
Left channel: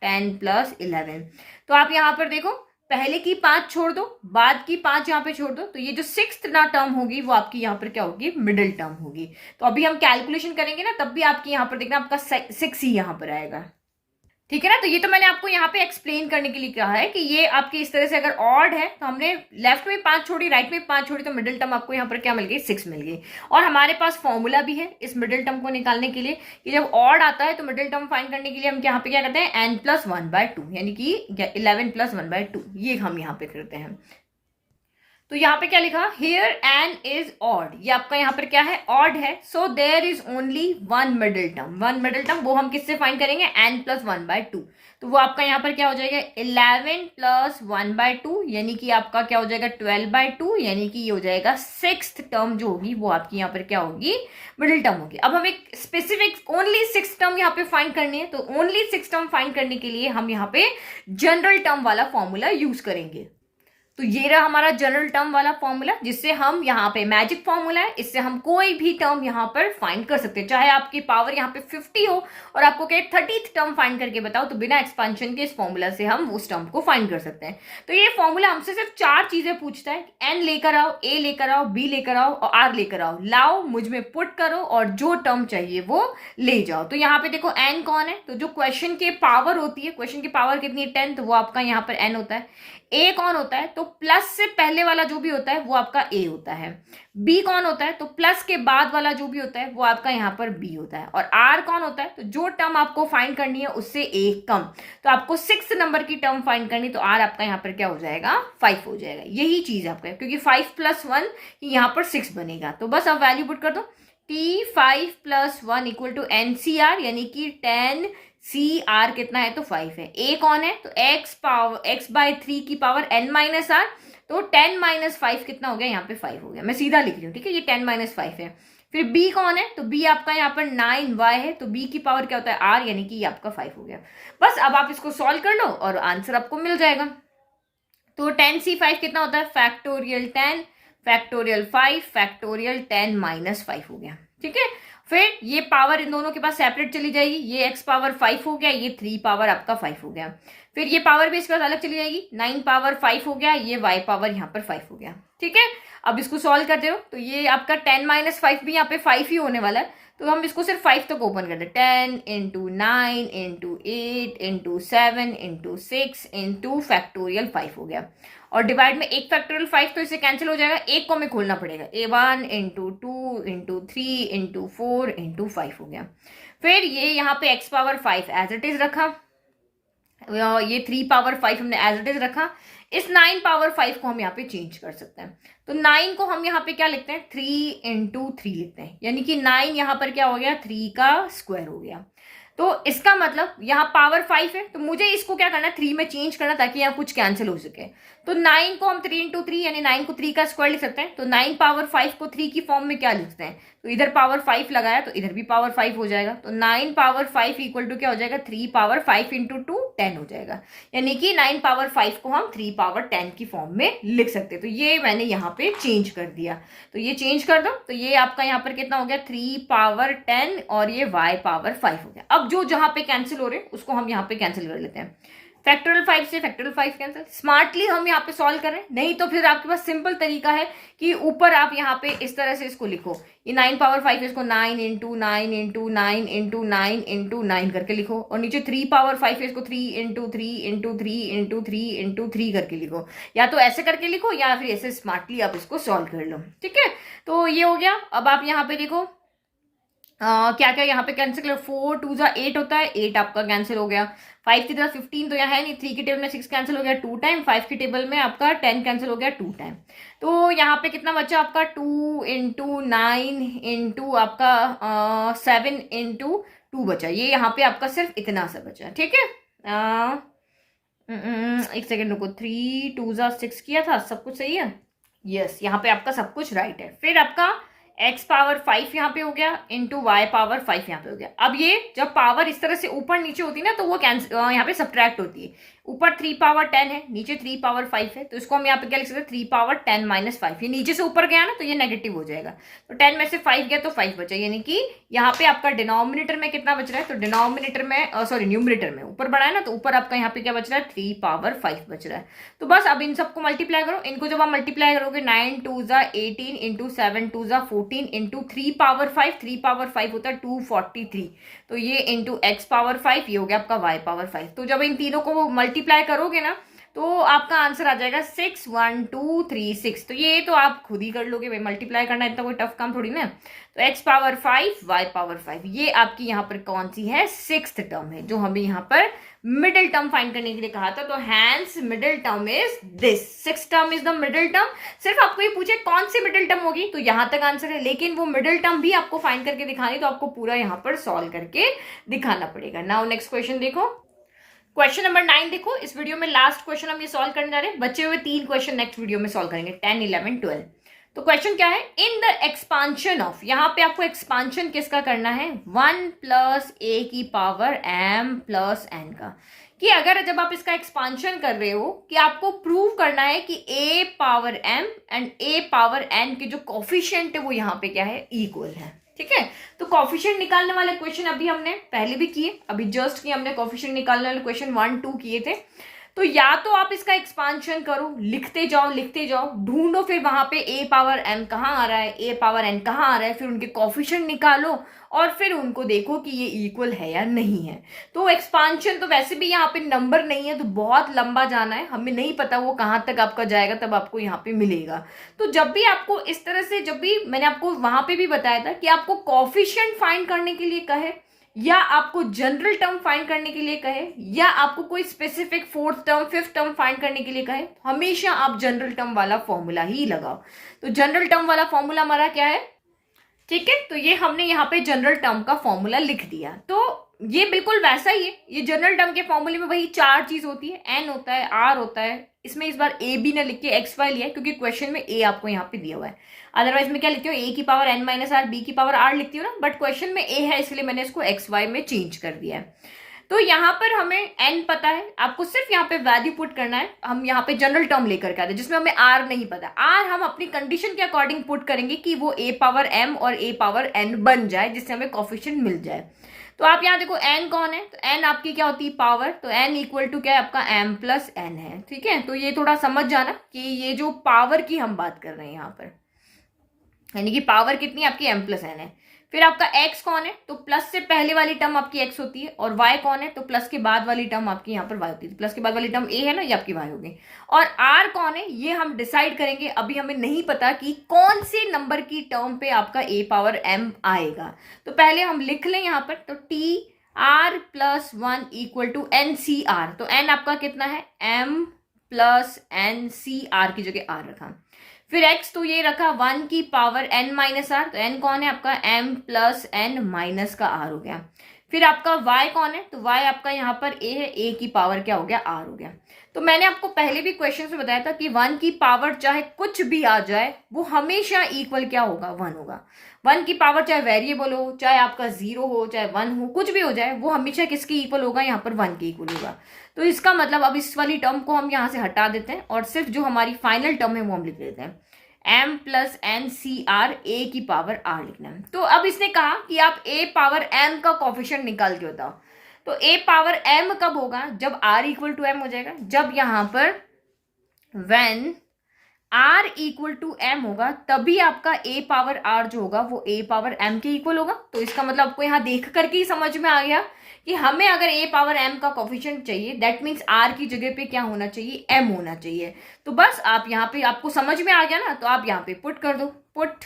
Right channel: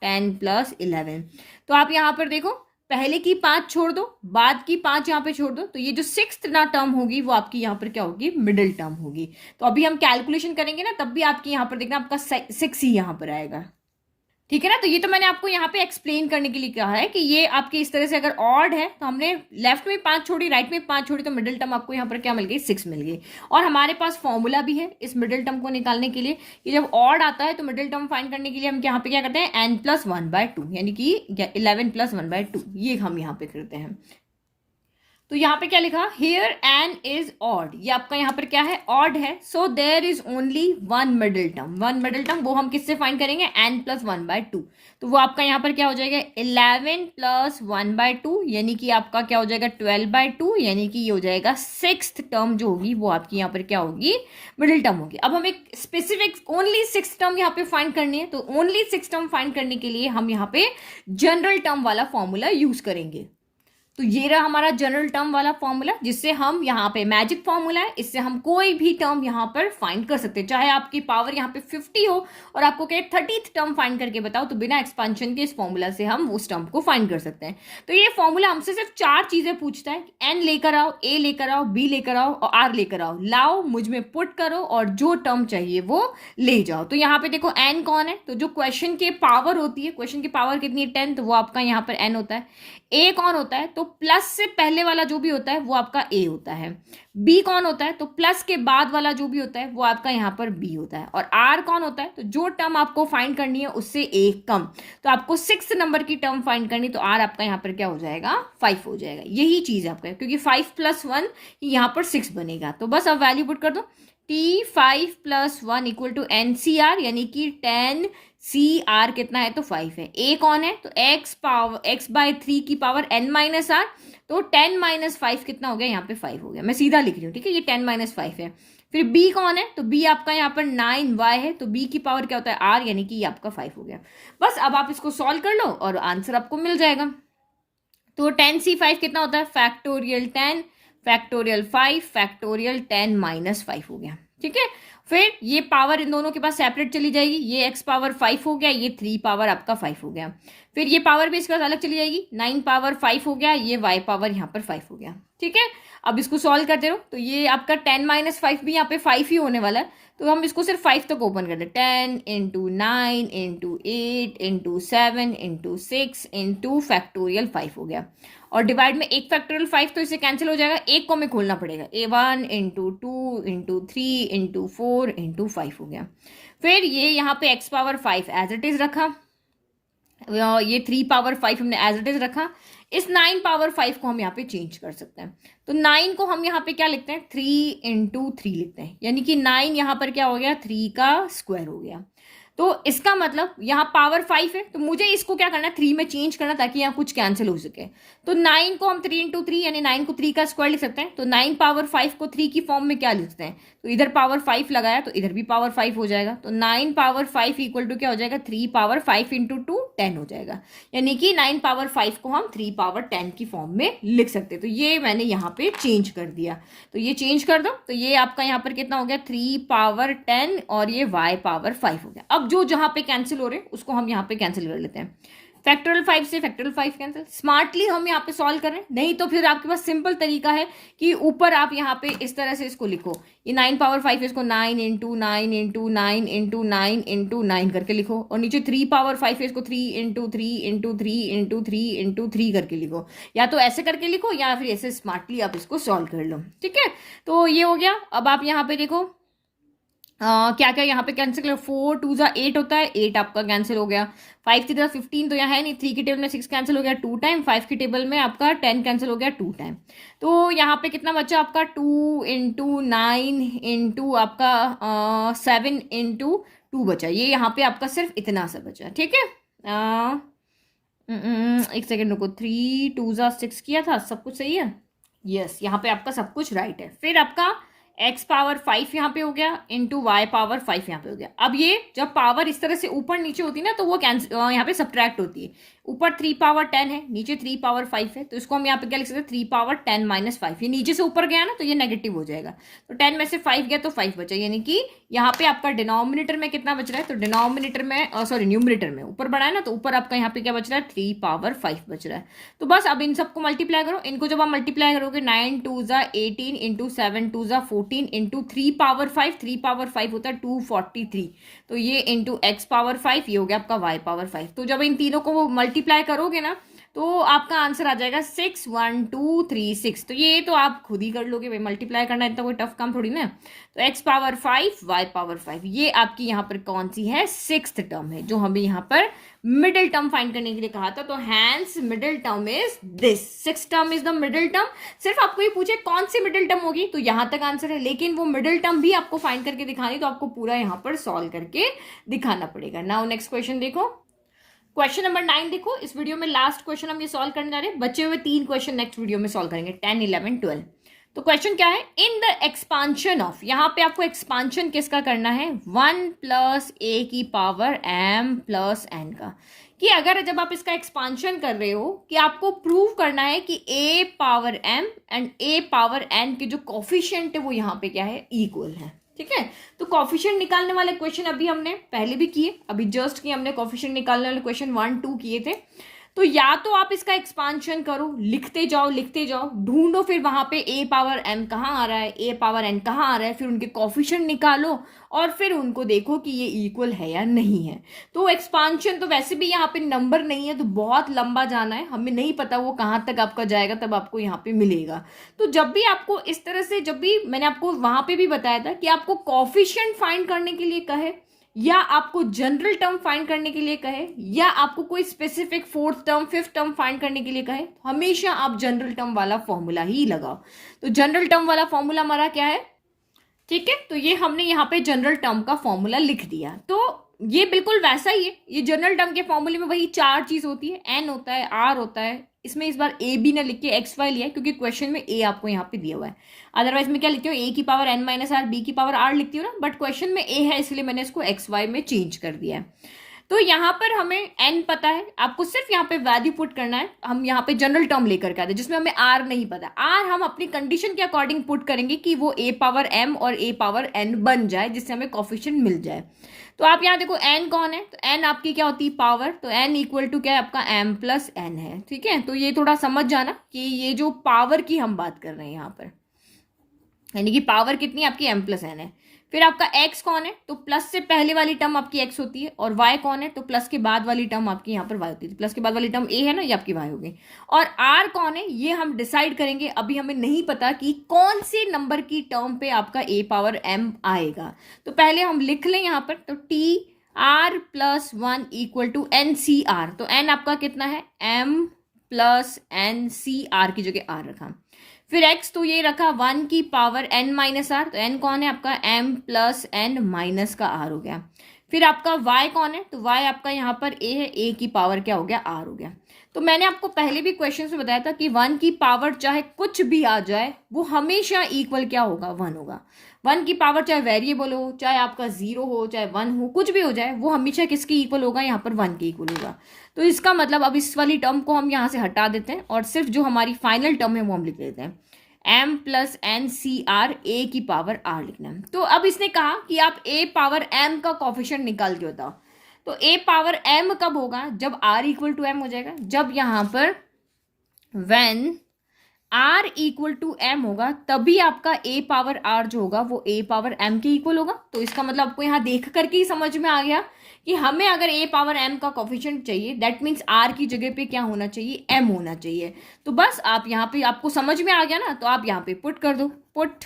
10 + 11। तो आप यहाँ पर देखो पहले की 5 छोड़ दो, बाद की 5 यहाँ पे छोड़ दो, तो ये जो सिक्स्थ ना टर्म होगी वो आपकी यहाँ पर क्या होगी मिडिल टर्म होगी। तो अभी हम कैलकुलेशन करेंगे ना तब भी आपकी यहाँ पर देखना आपका 6 ही यहाँ पर आएगा, ठीक है ना। तो ये तो मैंने आपको यहाँ पे एक्सप्लेन करने के लिए कहा है कि ये आपके इस तरह से अगर ऑड है तो हमने लेफ्ट में 5 छोड़ी राइट में 5 छोड़ी, तो मिडिल टर्म आपको यहाँ पर क्या मिल गई 6 मिल गई। और हमारे पास फॉर्मूला भी है इस मिडिल टर्म को निकालने के लिए कि जब ऑड आता है तो मिडिल टर्म फाइंड करने के लिए हम यहाँ पे क्या करते हैं n+1/2 यानी कि 11 + 1/2 ये हम यहाँ पे करते हैं। तो यहाँ पे क्या लिखा, हियर एन इज ऑड, ये आपका यहाँ पर क्या है, ऑड है, so there is only one middle term, one middle term वो हम किससे फाइंड करेंगे, n प्लस 1/2, तो वो आपका यहाँ पर क्या हो जाएगा 11 प्लस 1/2, यानी कि आपका क्या हो जाएगा 12/2, यानी कि ये हो जाएगा सिक्स्थ टर्म जो होगी वो आपकी यहाँ पर क्या होगी, मिडिल टर्म होगी। अब हमें स्पेसिफिक ओनली सिक्स टर्म यहाँ पे फाइंड करनी है, तो ओनली सिक्स टर्म फाइंड करने के लिए हम यहाँ पे जनरल टर्म वाला फॉर्मूला यूज करेंगे। तो ये रहा हमारा जनरल टर्म वाला फॉर्मूला, जिससे हम यहाँ पे मैजिक फॉर्मूला है, इससे हम कोई भी टर्म यहाँ पर फाइंड कर सकते हैं, चाहे आपकी पावर यहाँ पे 50 हो और आपको कहे 30th टर्म फाइंड करके बताओ, तो बिना एक्सपेंशन के इस फॉर्मूला से हम उस टर्म को फाइंड कर सकते हैं। तो ये फॉर्मूला हमसे सिर्फ 4 चीजें पूछता है, एन लेकर आओ, ए लेकर आओ, बी लेकर आओ और आर लेकर आओ, लाओ मुझ में पुट करो और जो टर्म चाहिए वो ले जाओ। तो यहाँ पे देखो एन कौन है, तो जो क्वेश्चन के पावर होती है, क्वेश्चन की पावर कितनी है 10, तो वो आपका यहाँ पर एन होता है। ए कौन होता है, तो प्लस से पहले वाला जो भी होता है वो आपका ए होता है। बी कौन होता है, तो प्लस के बाद वाला जो भी होता है वो आपका यहाँ पर बी होता है। और आर कौन होता है, तो जो टर्म आपको फाइंड करनी है उससे एक कम, तो आपको 6 नंबर की टर्म फाइंड करनी, तो आर आपका यहाँ पर क्या हो जाएगा 5 हो जाएगा। यही चीज आपका, क्योंकि 5 + 1 यहाँ पर 6 बनेगा। तो बस अब वैल्यू पुट कर दो, T5 + 1 = NCR, यानी कि 10CR कितना है, तो 5 है। A कौन है, तो x/3 की पावर n-r, तो 10 - 5 कितना हो गया, यहाँ पे 5 हो गया। मैं सीधा लिख रही हूँ, ठीक है, ये 10 - 5 है। फिर B कौन है, तो B आपका यहाँ पर 9y है, तो B की पावर क्या होता है r, यानी कि ये आपका 5 हो गया। बस अब आप इसको सॉल्व कर लो और आंसर आपको मिल जाएगा। तो 10C5 कितना होता है, फैक्टोरियल 10 फैक्टोरियल 5 फैक्टोरियल 10 - 5 हो गया, ठीक है। फिर ये पावर इन दोनों के पास सेपरेट चली जाएगी, ये x पावर 5 हो गया, ये 3 पावर आपका 5 हो गया। फिर ये पावर भी इसके बाद अलग चली जाएगी, 9 पावर 5 हो गया, ये y पावर यहाँ पर 5 हो गया, ठीक है। अब इसको सॉल्व करते रहो, तो ये आपका 10 - 5 भी यहाँ पे 5 ही होने वाला है, तो हम इसको सिर्फ 5 तक ओपन कर दे, 10 × 9 × 8 × 7 × 6 × फैक्टोरियल 5 हो गया। और डिवाइड में एक फैक्टोरियल 5 तो इसे कैंसिल हो जाएगा, एक को हमें खोलना पड़ेगा, A1 × 2 × 3 × 4 × 5 हो गया। फिर ये यहाँ पे x power 5 as it is रखा, ये 3 पावर 5 हमने एज इट इज रखा। इस 9 पावर 5 को हम यहाँ पे चेंज कर सकते हैं, तो 9 को हम यहाँ पे क्या लिखते हैं, 3 × 3 लिखते हैं, यानी कि 9 यहाँ पर क्या हो गया, 3 का स्क्वायर हो गया। तो इसका मतलब यहाँ पावर 5 है, तो मुझे इसको क्या करना है, 3 में चेंज करना, ताकि यहाँ कुछ कैंसिल हो सके। तो 9 को हम 3 × 3 यानी 9 को 3 का स्क्वायर लिख सकते हैं, तो 9 पावर 5 को 3 की फॉर्म में क्या लिखते हैं, तो इधर पावर 5 लगाया तो इधर भी पावर 5 हो जाएगा, तो 9 पावर 5 = क्या हो जाएगा, 3 पावर 5 × 2 10 हो जाएगा, यानी कि 9 पावर 5 को हम 3 पावर 10 की फॉर्म में लिख सकते हैं। तो ये मैंने यहाँ पे चेंज कर दिया, तो ये चेंज कर दो, तो ये आपका यहाँ पर कितना हो गया, 3 पावर 10 और ये y पावर 5 हो गया। अब जो जहां पे कैंसिल हो रहे हैं उसको हम यहाँ पे कैंसिल कर लेते हैं, फैक्टोरियल 5 से फैक्टोरियल 5 कैंसिल। स्मार्टली हम यहाँ पे सॉल्व करें, नहीं तो फिर आपके पास सिंपल तरीका है कि ऊपर आप यहाँ पे इस तरह से इसको लिखो, ये 9 पावर 5 इसको 9 × 9 × 9 × 9 × 9 करके लिखो, और नीचे 3 पावर 5 इसको 3 × 3 × 3 × 3 × 3 करके लिखो, या तो ऐसे करके लिखो या फिर ऐसे स्मार्टली आप इसको सॉल्व कर लो, ठीक है। तो ये हो गया। अब आप यहाँ पे देखो क्या क्या यहाँ पे कैंसिल करो, 4 × 2 = 8 होता है, 8 आपका कैंसिल हो गया। 5 की तरह 15 तो यहाँ है नहीं, 3 की टेबल में 6 कैंसिल हो गया 2 टाइम, 5 की टेबल में आपका 10 कैंसिल हो गया 2 टाइम। तो यहाँ पे कितना बचा आपका, 2 × 9 × आपका 7 × 2 बचा, ये यहाँ पे आपका सिर्फ इतना सा बचा, ठीक है। एक सेकेंड रुको, 3 × 2 = 6 किया था, सब कुछ सही है, यस, यहाँ पे आपका सब कुछ राइट है। फिर आपका x पावर 5 यहाँ पे हो गया इंटू y पावर 5 यहाँ पे हो गया। अब ये जब पावर इस तरह से ऊपर नीचे होती है ना, तो वो यहाँ पे सब्ट्रैक्ट होती है। ऊपर 3 पावर 10 है, नीचे 3 पावर 5 है, तो इसको हम यहाँ पे क्या लिख सकते हैं, 3 पावर 10 - 5। ये नीचे से ऊपर गया ना, तो ये नेगेटिव हो जाएगा, तो 10 में से 5 गया तो 5 बचा, यानी कि यहाँ पे आपका डिनोमिनेटर में कितना बच रहा है, तो डिनोमिनेटर में सॉरी न्यूमरेटर में ऊपर बढ़ा है ना, तो ऊपर आपका यहाँ पे क्या बच रहा है, 3 पावर 5 बच रहा है। तो बस अब इन सबको मल्टीप्लाई करो, इनको जब आप मल्टीप्लाई करोगे, 9 × 2 = 18 × 7 × 2 = 14 × 3 पावर 5, 3 पावर 5 होता है 243, तो ये इंटू x पावर 5, ये हो गया आपका y पावर 5। तो जब इन तीनों को मल्टीप्लाई करोगे ना, तो आपका आंसर आ जाएगा 61236। तो ये तो आप खुद ही कर लोगे भाई, मल्टीप्लाई करना इतना कोई टफ काम थोड़ी ना। तो x पावर 5 y पावर 5, ये आपकी यहाँ पर कौन सी है, सिक्स्थ टर्म है, जो हमें यहाँ पर मिडिल टर्म फाइंड करने के लिए कहा था। तो hence middle term is this, six term is the middle term. सिर्फ आपको ये पूछे कौन सी मिडिल टर्म होगी, तो यहां तक आंसर है, लेकिन वो मिडिल टर्म भी आपको फाइंड करके दिखानी, तो आपको पूरा यहाँ पर सॉल्व करके दिखाना पड़ेगा। नाउ नेक्स्ट क्वेश्चन देखो, क्वेश्चन नंबर 9 देखो। इस वीडियो में लास्ट क्वेश्चन हम ये सॉल्व करने जा रहे हैं, बचे हुए 3 क्वेश्चन नेक्स्ट वीडियो में सॉल्व करेंगे, 10, 11, 12। तो क्वेश्चन क्या है, इन द एक्सपांशन ऑफ, यहां पे आपको एक्सपांशन किसका करना है, 1 प्लस ए की पावर m प्लस n का, कि अगर जब आप इसका एक्सपांशन कर रहे हो कि आपको प्रूव करना है कि a power m and a power n के जो कोफिशिएंट है वो यहाँ पे क्या है, इक्वल है। ठीक है, तो कोफिशिएंट निकालने वाले क्वेश्चन अभी हमने पहले भी किए, अभी जस्ट किए हमने कोफिशिएंट निकालने वाले क्वेश्चन 1, 2 किए थे। तो या तो आप इसका एक्सपांशन करो, लिखते जाओ, ढूंढो फिर वहां पे a पावर m कहाँ आ रहा है, a पावर n कहाँ आ रहा है, फिर उनके कोफिशिएंट निकालो और फिर उनको देखो कि ये इक्वल है या नहीं है। तो एक्सपांशन तो वैसे भी यहाँ पे नंबर नहीं है, तो बहुत लंबा जाना है, हमें नहीं पता वो कहाँ तक आपका जाएगा, तब आपको यहाँ पे मिलेगा। तो जब भी आपको इस तरह से, जब भी मैंने आपको वहां पे भी बताया था कि आपको कोफिशिएंट फाइंड करने के लिए कहे, या आपको जनरल टर्म फाइंड करने के लिए कहे, या आपको कोई specific fourth term, fifth term find करने के लिए कहे, हमेशा आप जनरल टर्म वाला फॉर्मूला ही लगाओ। तो जनरल टर्म वाला फॉर्मूला हमारा क्या है, ठीक है, तो ये हमने यहाँ पे जनरल टर्म का फॉर्मूला लिख दिया। तो ये बिल्कुल वैसा ही है, ये जनरल टर्म के फॉर्मूले में वही 4 चीज होती है, एन होता है, आर होता है, इसमें इस बार ए बी ने लिख के एक्स वाई लिया है क्योंकि क्वेश्चन में ए आपको यहाँ पे दिया हुआ है, अदरवाइज में क्या लिखती हो, ए की power N minus R, B की पावर आर लिखती हो ना, बट क्वेश्चन में ए है इसलिए मैंने इसको एक्स वाई में चेंज कर दिया है। तो यहाँ पर हमें एन पता है, आपको सिर्फ यहाँ पे वैल्यू पुट करना है। हम यहाँ पे जनरल टर्म लेकर के आते हैं जिसमें हमें आर नहीं पता, आर हम अपनी कंडीशन के अकॉर्डिंग पुट करेंगे कि वो ए पावर एम और ए पावर एन बन जाए, जिससे हमें कोफिशिएंट मिल जाए। तो आप यहाँ देखो एन कौन है, तो एन आपकी क्या होती है, पावर, तो एन इक्वल टू क्या है आपका एम प्लस एन है। ठीक है, तो ये थोड़ा समझ जाना कि ये जो पावर की हम बात कर रहे हैं यहाँ पर, यानी कि पावर कितनी आपकी एम प्लस एन है। फिर आपका x कौन है, तो प्लस से पहले वाली टर्म आपकी x होती है, और y कौन है, तो प्लस के बाद वाली टर्म आपकी यहाँ पर y होती है। प्लस के बाद वाली टर्म a है ना, ये आपकी y होगी। और r कौन है, ये हम डिसाइड करेंगे, अभी हमें नहीं पता कि कौन सी नंबर की टर्म पे आपका a पावर m आएगा। तो पहले हम लिख लें यहाँ पर, तो t r plus 1 equal to N C R, तो n आपका कितना है, m plus N C R की जगह r रखा। फिर x तो ये रखा 1 की पावर n माइनस आर, तो n कौन है आपका m प्लस n माइनस का r हो गया। फिर आपका y कौन है, तो y आपका यहाँ पर a है, a की पावर क्या हो गया, r हो गया। तो मैंने आपको पहले भी क्वेश्चन में बताया था कि 1 की पावर चाहे कुछ भी आ जाए वो हमेशा इक्वल क्या होगा, 1 होगा। 1 की पावर चाहे वेरिएबल हो, चाहे आपका 0 हो, चाहे 1 हो, कुछ भी हो जाए, वो हमेशा किसकी इक्वल होगा, यहाँ पर 1 के इक्वल होगा। तो इसका मतलब अब इस वाली टर्म को हम यहाँ से हटा देते हैं और सिर्फ जो हमारी फाइनल टर्म है वो हम लिख देते हैं, m plus N C R, A की पावर r लिखना है। तो अब इसने कहा कि आप a पावर m का कोफिशिएंट निकाल के बताओ। तो a पावर m कब होगा, जब r इक्वल टू m हो जाएगा, जब यहाँ पर when r equal to m होगा, तभी आपका a पावर r जो होगा वो a पावर m के इक्वल होगा। तो इसका मतलब आपको यहाँ देख करके ही समझ में आ गया कि हमें अगर a पावर m का कोफिशिएंट चाहिए, दैट मीन्स r की जगह पे क्या होना चाहिए, m होना चाहिए। तो बस आप यहाँ पे, आपको समझ में आ गया ना, तो आप यहाँ पे पुट कर दो, put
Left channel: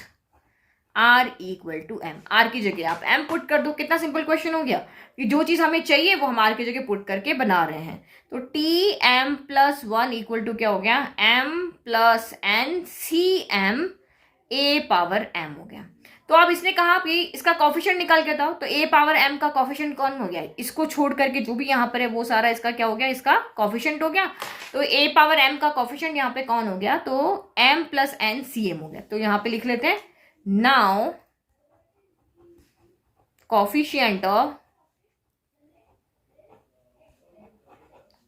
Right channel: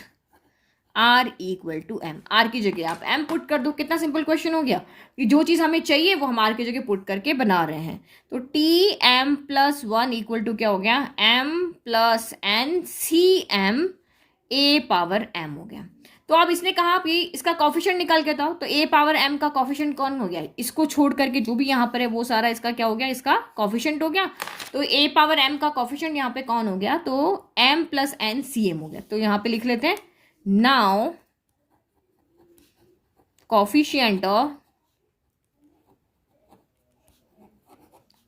r equal to m, r की जगह आप m पुट कर दो। कितना सिंपल क्वेश्चन हो गया कि जो चीज हमें चाहिए वो हम r की जगह पुट करके बना रहे हैं। तो t m plus 1 equal to क्या हो गया, m plus n C m a power m हो गया। तो अब इसने कहा कि इसका कोफिशिएंट निकाल के बताओ, तो a पावर m का कोफिशिएंट कौन हो गया, इसको छोड़ करके जो भी यहाँ पर है वो सारा इसका क्या हो गया, इसका कोफिशिएंट हो गया। तो a पावर m का कोफिशिएंट यहाँ पे कौन हो गया, तो m plus n C m हो गया। तो यहाँ पे लिख लेते हैं, now coefficient of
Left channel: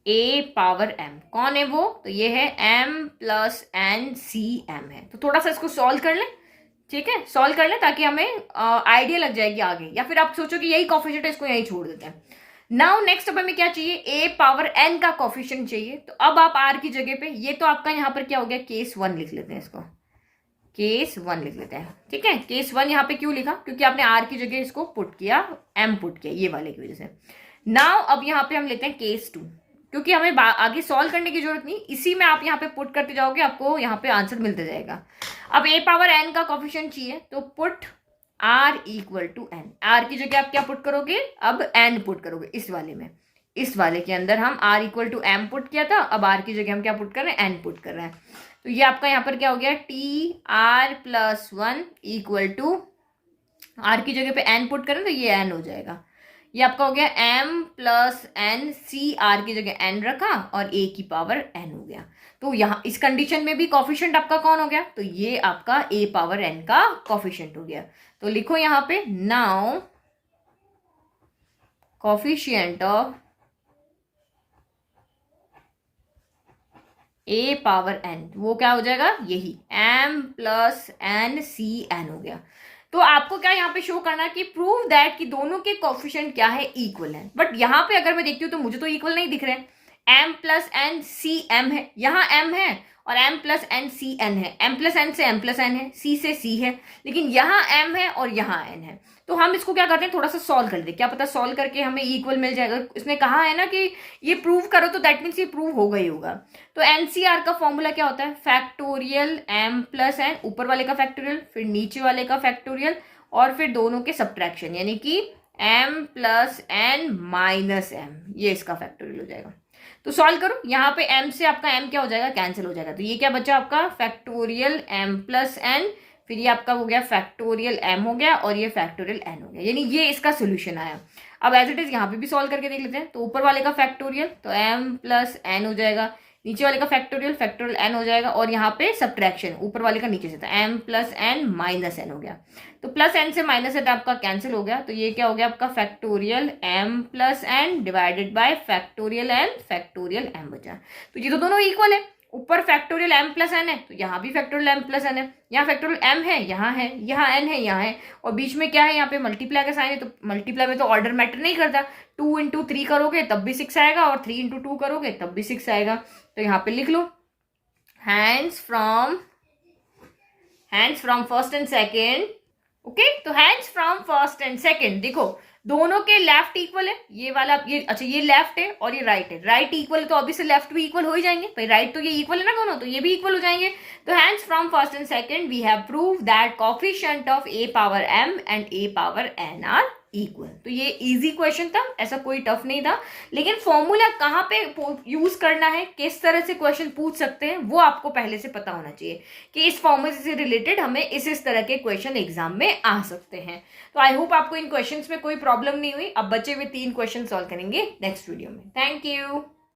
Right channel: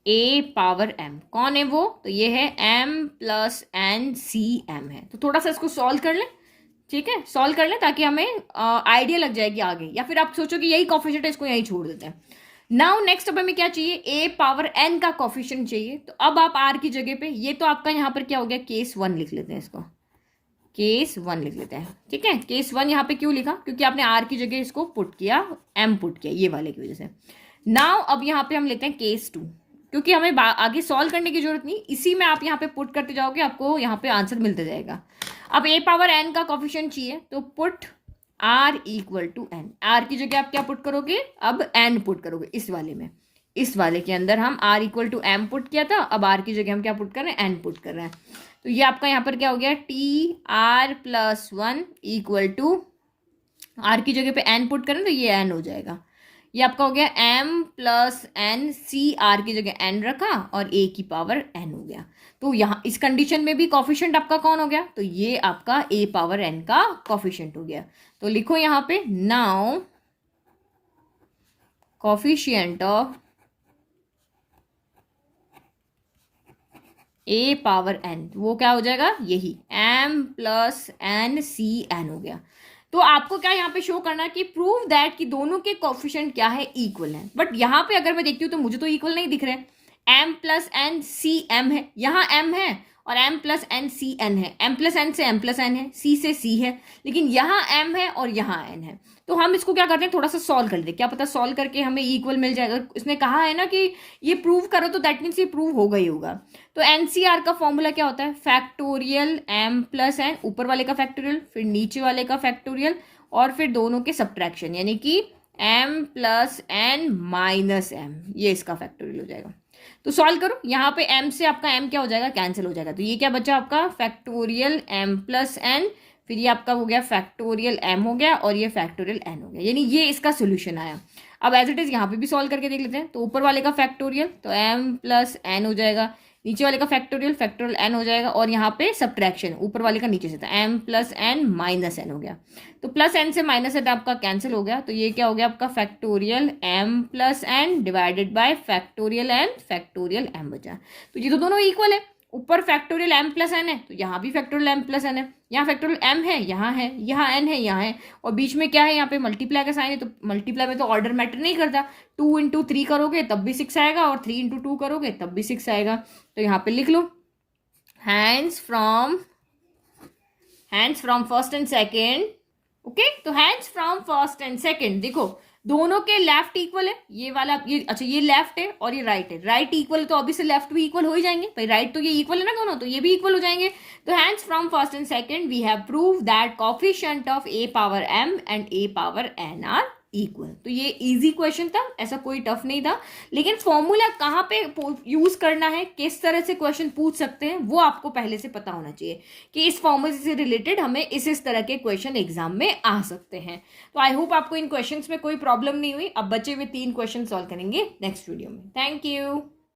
a power m कौन है वो, तो ये है m plus N C m है। तो थोड़ा सा इसको सॉल्व कर लें, ठीक है, सॉल्व कर लें ताकि हमें आइडिया लग जाएगी आगे, या फिर आप सोचो कि यही कोफिशिएंट है, इसको यही छोड़ देते हैं। नाउ नेक्स्ट अब हमें क्या चाहिए, a पावर n का कोफिशिएंट चाहिए। तो अब आप r की जगह पे, ये तो आपका यहाँ पर क्या हो गया, केस 1 लिख लेते हैं, इसको केस 1 लिख लेते हैं। ठीक है, केस 1 यहाँ पे क्यों लिखा, क्योंकि आपने r की जगह इसको पुट किया, m पुट किया, ये वाले की वजह से। नाउ अब यहाँ पे हम लेते हैं केस 2, क्योंकि हमें आगे सॉल्व करने की जरूरत नहीं, इसी में आप यहाँ पे पुट करते जाओगे, आपको यहाँ पे आंसर मिलता जाएगा। अब a पावर n का कोफिशिएंट चाहिए, तो put r equal to n। r की जगह आप क्या पुट करोगे, अब n पुट करोगे इस वाले में। इस वाले के अंदर हम r equal to m put किया था, अब r की जगह हम क्या पुट कर रहे हैं, n पुट कर रहे हैं। तो ये आपका यहाँ पर क्या हो गया, t r plus 1 equal to r की जगह पे n पुट करें तो ये n हो जाएगा। ये आपका हो गया m plus n, c r की जगह n रखा और a की पावर n हो गया। तो यहाँ इस कंडीशन में भी कॉफिशिएंट आपका कौन हो गया, तो ये आपका a पावर n का कॉफिशिएंट हो गया। तो लिखो यहाँ पे, now coefficient of a power n, वो क्या हो जाएगा, यही m plus n c n हो गया। तो आपको क्या यहाँ पे शो करना है कि प्रूव दैट कि दोनों के कोफिशिएंट क्या है, इक्वल है। बट यहाँ पे अगर मैं देखती हूँ तो मुझे तो इक्वल नहीं दिख रहे। m plus N C m है, यहाँ m है और m plus N C n है, m प्लस एन से m प्लस n है, c से c है, लेकिन यहाँ m है और यहाँ n है। तो हम इसको क्या करते हैं, थोड़ा सा सॉल्व कर लेते, क्या पता सॉल्व करके हमें इक्वल मिल जाएगा। इसने कहा है ना कि ये प्रूव करो, तो दैट मीन्स ये प्रूव होगा ही होगा। तो एनसीआर का फॉर्मूला क्या होता है, फैक्टोरियल m प्लस n, ऊपर वाले का फैक्टोरियल, फिर नीचे वाले का फैक्टोरियल, और फिर दोनों के सब्ट्रैक्शन, यानी कि m plus n minus m, ये इसका फैक्टोरियल हो जाएगा। तो सॉल्व करो, यहाँ पे m से आपका m क्या हो जाएगा, कैंसिल हो जाएगा। तो ये क्या बचा आपका, फैक्टोरियल m प्लस n, फिर ये आपका हो गया फैक्टोरियल m हो गया और ये फैक्टोरियल n हो गया, यानी ये इसका सोल्यूशन आया। अब एज इट इज यहाँ पे भी सॉल्व करके देख लेते हैं। तो ऊपर वाले का फैक्टोरियल तो m प्लस n हो जाएगा, नीचे वाले का फैक्टोरियल फैक्टोरियल n हो जाएगा, और यहाँ पे सब्ट्रैक्शन ऊपर वाले का नीचे से था, m plus n minus n हो गया। तो प्लस n से माइनस n आपका कैंसिल हो गया, तो ये क्या हो गया आपका, factorial m plus n divided by factorial m बचा। तो ये तो दोनों इक्वल है, ऊपर फैक्टोरियल m प्लस n है तो यहाँ भी फैक्टोरियल m प्लस n है, यहाँ फैक्टोरियल m है, यहाँ n है, यहाँ है, और बीच में क्या है, यहाँ पे मल्टीप्लाई का साइन है। तो मल्टीप्लाई में तो ऑर्डर मैटर नहीं करता, 2 इंटू 3 करोगे तब भी 6 आएगा, और 3 इंटू 2 करोगे तब भी 6 आएगा। तो यहाँ पे लिख लो, hands from first and second. Okay, तो hands from first and second, देखो दोनों के लेफ्ट इक्वल है, ये वाला ये, अच्छा ये लेफ्ट है और ये राइट है, राइट इक्वल तो अभी से लेफ्ट भी इक्वल हो ही जाएंगे भाई, राइट तो ये इक्वल है ना दोनों, तो ये भी इक्वल हो जाएंगे। तो hands from first and second we have prove that coefficient of a power m and a power n are equal. तो ये इजी क्वेश्चन था, ऐसा कोई टफ नहीं था, लेकिन फॉर्मूला कहाँ पे यूज करना है, किस तरह से क्वेश्चन पूछ सकते हैं, वो आपको पहले से पता होना चाहिए कि इस फॉर्मूले से रिलेटेड हमें इस तरह के क्वेश्चन एग्जाम में आ सकते हैं। तो आई होप आपको इन क्वेश्चंस में कोई प्रॉब्लम नहीं हुई। अब बचे हुए 3 क्वेश्चन सॉल्व करेंगे नेक्स्ट वीडियो में। Thank you.